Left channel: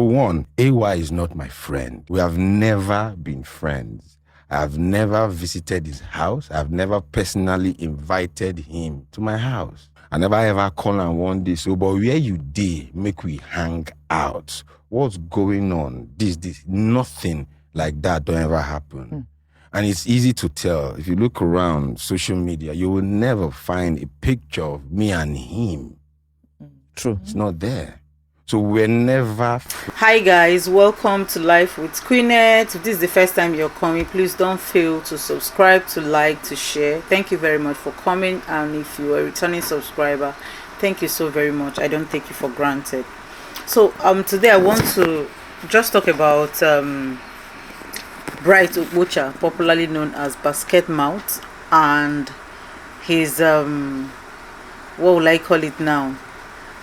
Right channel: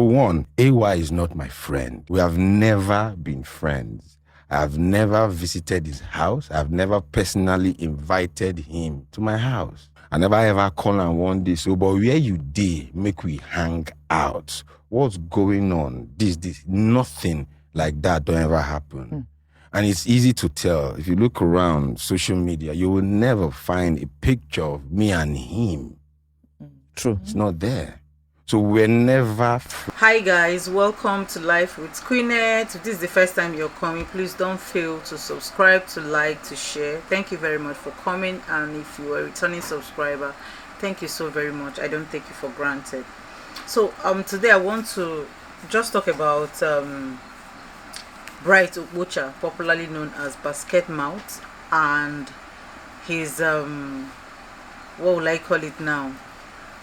One, AY is not my friend. We have never been friends. I've never visited his house. I've never personally invited him to my house. I never ever call and one day, so, but where you dey, make we hang out. What's going on? This, nothing like that don't ever happen. And it's easy to tell. If you look around social media, you will never find a picture of me and him. True. It's not there. So we're never... Hi guys, welcome to Life with Queenette. If this is the first time you're coming, please don't fail to subscribe, to like, to share. Thank you very much for coming. And if you are a returning subscriber, thank you so very much. I don't take you for granted. So today I want to just talk about Bright Okpocha, popularly known as Basketmouth, and his what will I call it now?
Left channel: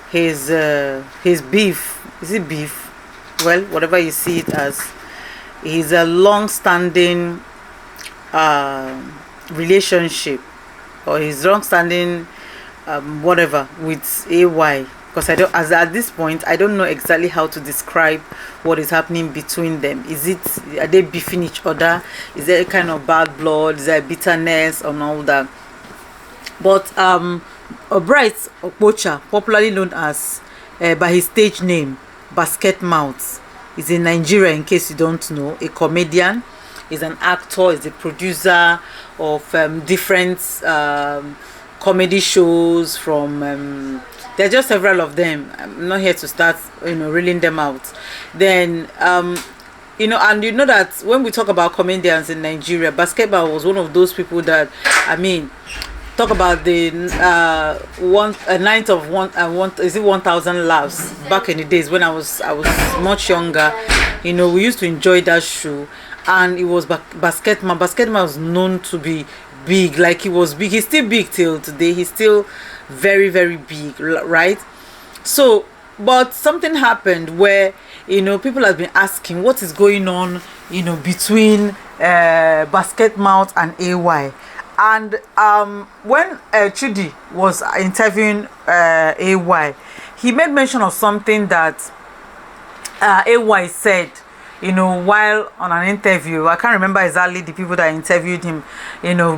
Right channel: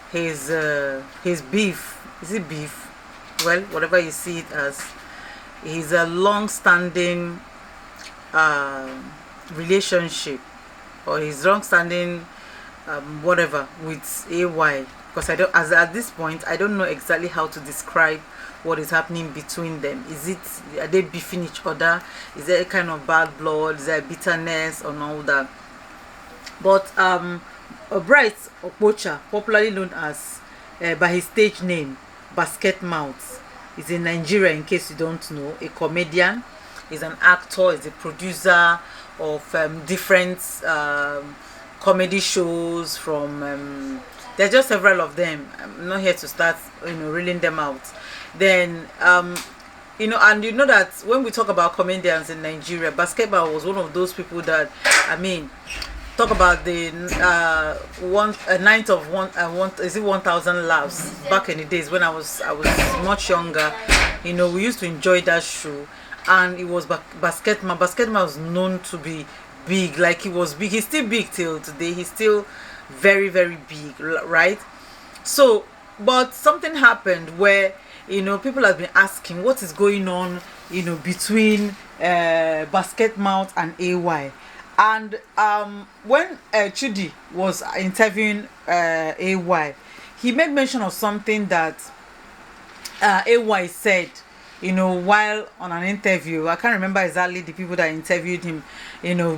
His beef. Is it beef? Well, whatever you see it as. He's a long-standing relationship, or his long-standing whatever with AY. Because as at this point, I don't know exactly how to describe what is happening between them. Are they beefing each other? Is there a kind of bad blood? Is there bitterness and all that? But Bright Okpocha, popularly known as by his stage name Basketmouth, is in Nigeria, in case you don't know. A comedian, is an actor, is a producer of different comedy shows from there are just several of them. I'm not here to start reeling them out. Then and you know that when we talk about comedians in Nigeria, Basketmouth was one of those people that, talk about the a night of 1,000 laughs back in the days when I was much younger. We used to enjoy that show, and it was Basketmouth. Basketmouth was known to be big, like he was big. He's still big till today. He's still very, very big, right? So, but something happened where people have been asking what is going on, between Basketmouth and AY. And when Chudi was interviewing AY, he made mention of something that AY said, while on an interview. I can't remember exactly the people that interviewed him,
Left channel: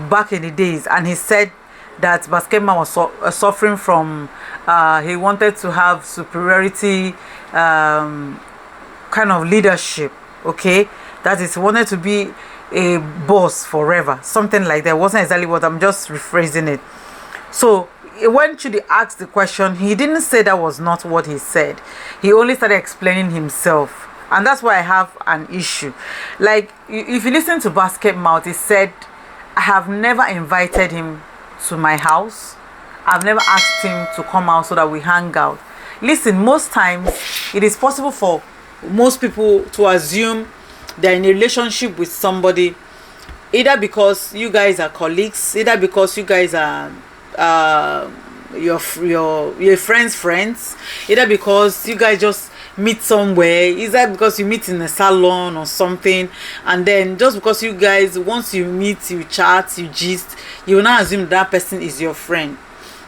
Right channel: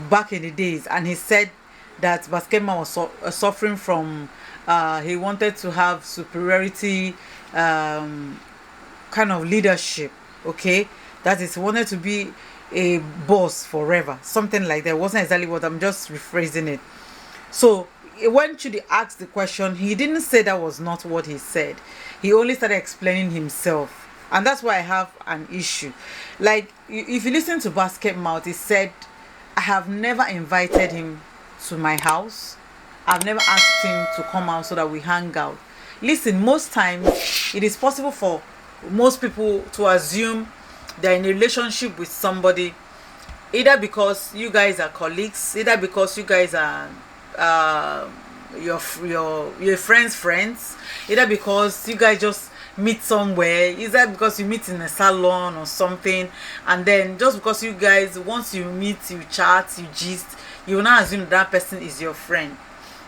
back in the days. And he said that Basketmouth was suffering from, he wanted to have superiority kind of leadership, okay? That is, he wanted to be a boss forever, something like that. It wasn't exactly what, I'm just rephrasing it. So when Chudi asked the question, he didn't say that was not what he said. He only started explaining himself, and that's why I have an issue. Like, if you listen to Basketmouth, he said, I have never invited him to my house. I've never asked him to come out so that we hang out. Listen, most times it is possible for most people to assume they're in a relationship with somebody, either because you guys are colleagues, either because you guys are your friends, either because you guys just meet somewhere, either because you meet in a salon or something, and then just because you guys, once you meet, you chat, you gist, you will not assume that person is your friend.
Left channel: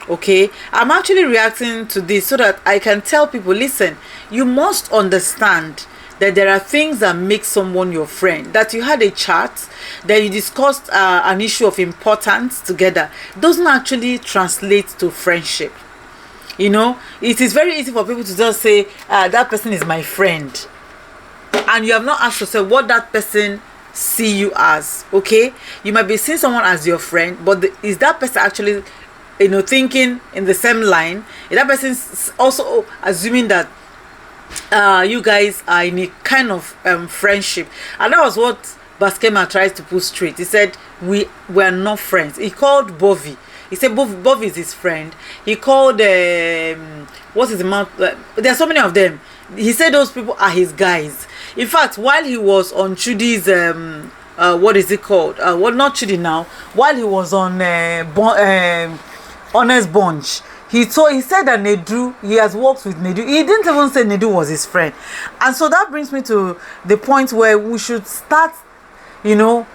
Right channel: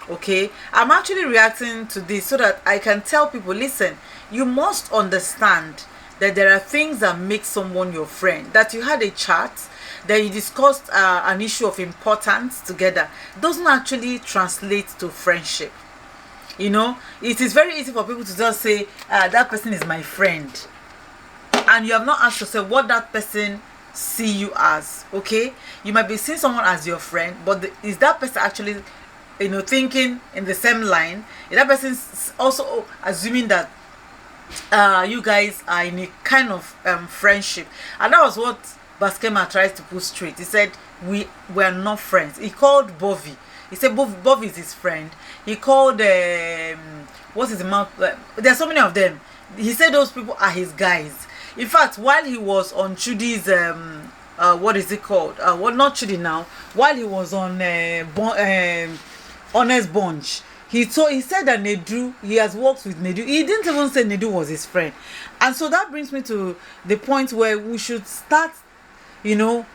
Okay, I'm actually reacting to this so that I can tell people, listen, you must understand that there are things that make someone your friend. That you had a chat, that you discussed an issue of importance together, doesn't actually translate to friendship. It is very easy for people to just say, that person is my friend, and you have not asked yourself what that person see you as. Okay, you might be seeing someone as your friend, but is that person actually thinking in the same line? Is that person also assuming that you guys are in a kind of friendship? And that was what Basketmouth tries to put straight. He said we are not friends. He called Bovie. He said Bovie is his friend. He called what is the mouth? There are so many of them. He said those people are his guys. In fact, while he was on Chudi's what is it called? Well, not Chudi now. While he was on Honest Bunch, he said that Nedu, he has worked with Nedu. He didn't even say Nedu was his friend. And so that brings me to the point where we should start, having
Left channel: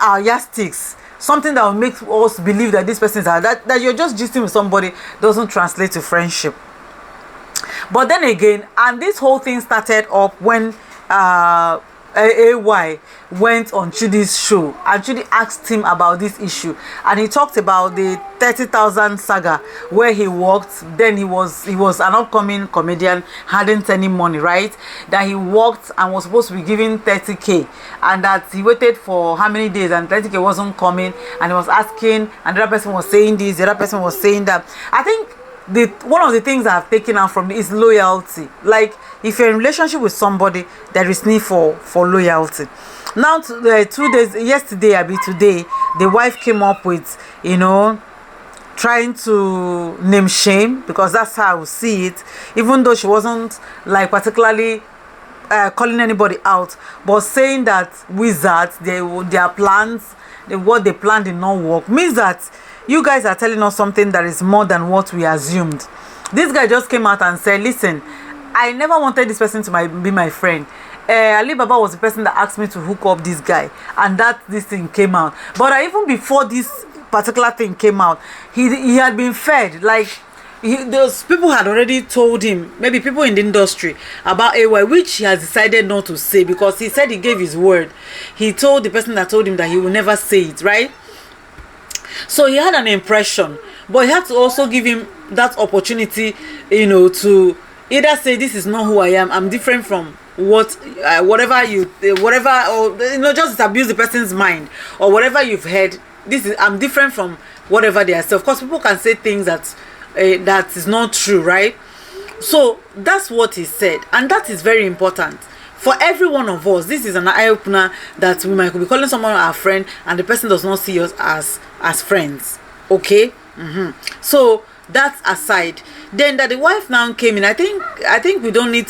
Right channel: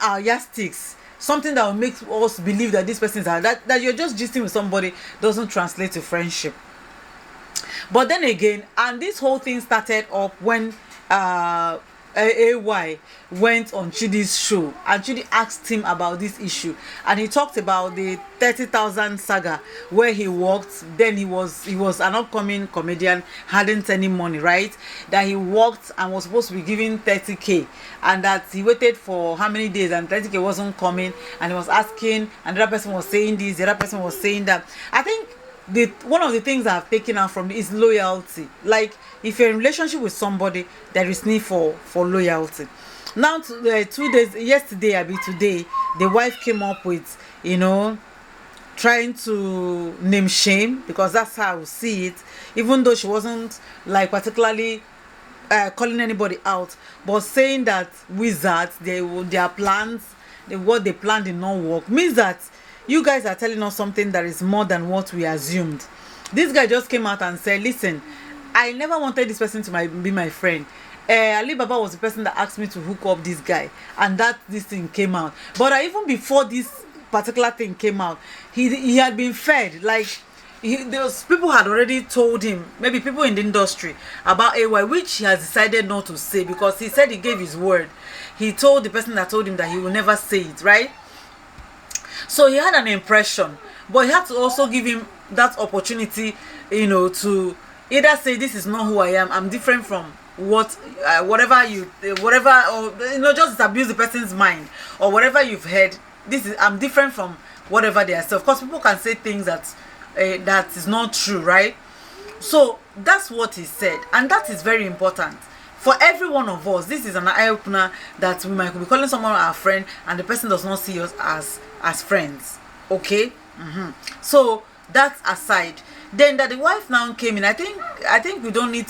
our yardsticks. Something that will make us believe that this person is that you're just gisting with somebody doesn't translate to friendship. But then again, and this whole thing started up when AY went on Chudi's show, and Chudi asked him about this issue, and he talked about the 30,000 saga where he worked. Then he was an upcoming comedian, hadn't any money, right? That he worked and was supposed to be given 30k, and that he waited for how many days and 30k wasn't coming, and he was asking, and the other person was saying this, the other person was saying that. I think one of the things I've taken out from is loyalty. Like, if you're in a relationship with somebody, there is need for loyalty. Now, 2 days yesterday, today, the wife came up with, trying to name shame, because that's how I would see it, even though she wasn't like particularly calling anybody out, but saying that wizards, their plans, what they planned did not work, means that you guys are telling us something that is more than what we assumed. This guy just came out and said, listen, I never wanted this person to be my friend. Ali Baba was the person that asked me to hook up this guy, and this thing came out. But even before this particular thing came out, he had been fed. Like, those people had already told him, maybe people in the industry, about AY, which he has decided not to say, because he said he gave his word. He told the person that told him that he will never say it, right? So he had an impression, but he had to also give him that opportunity, to either say, this is not who I am, I'm different from whatever, or just abuse the person's mind, or whatever you've heard. I'm different from whatever they are. So of course, people can say things that is not true, right? So that's what he said, and that is very important for every one of us. This is an eye-opener, that we might be calling someone our friend and the person does not see us as friends. Okay. So that's aside. Then that the wife now came in, I think we don't need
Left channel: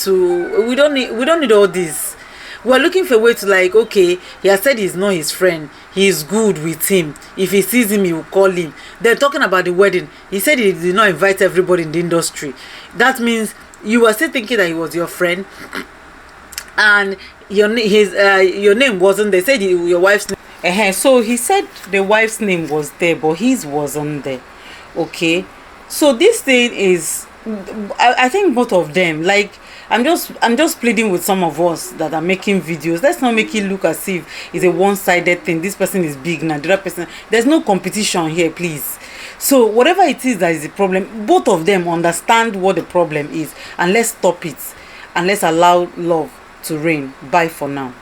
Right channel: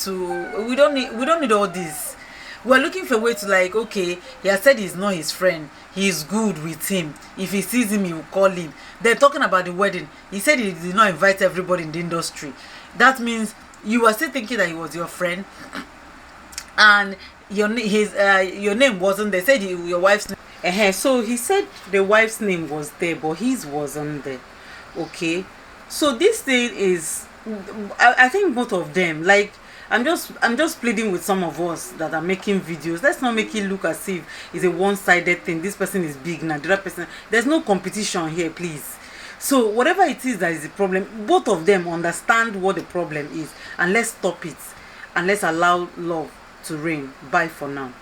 all this. We're looking for a way to, like, okay, he has said he's not his friend, he's good with him, if he sees him he will call him. They're talking about the wedding. He said he did not invite everybody in the industry. That means you were still thinking that he was your friend, and your name wasn't there. Said your wife's name. So he said the wife's name was there, but his wasn't there. Okay, so this thing is, I think both of them, like, I'm just pleading with some of us that are making videos. Let's not make it look as if it's a one-sided thing. This person is big now, the other person. There's no competition here, please. So whatever it is that is the problem, both of them understand what the problem is, and let's stop it, and let's allow love to reign. Bye for now.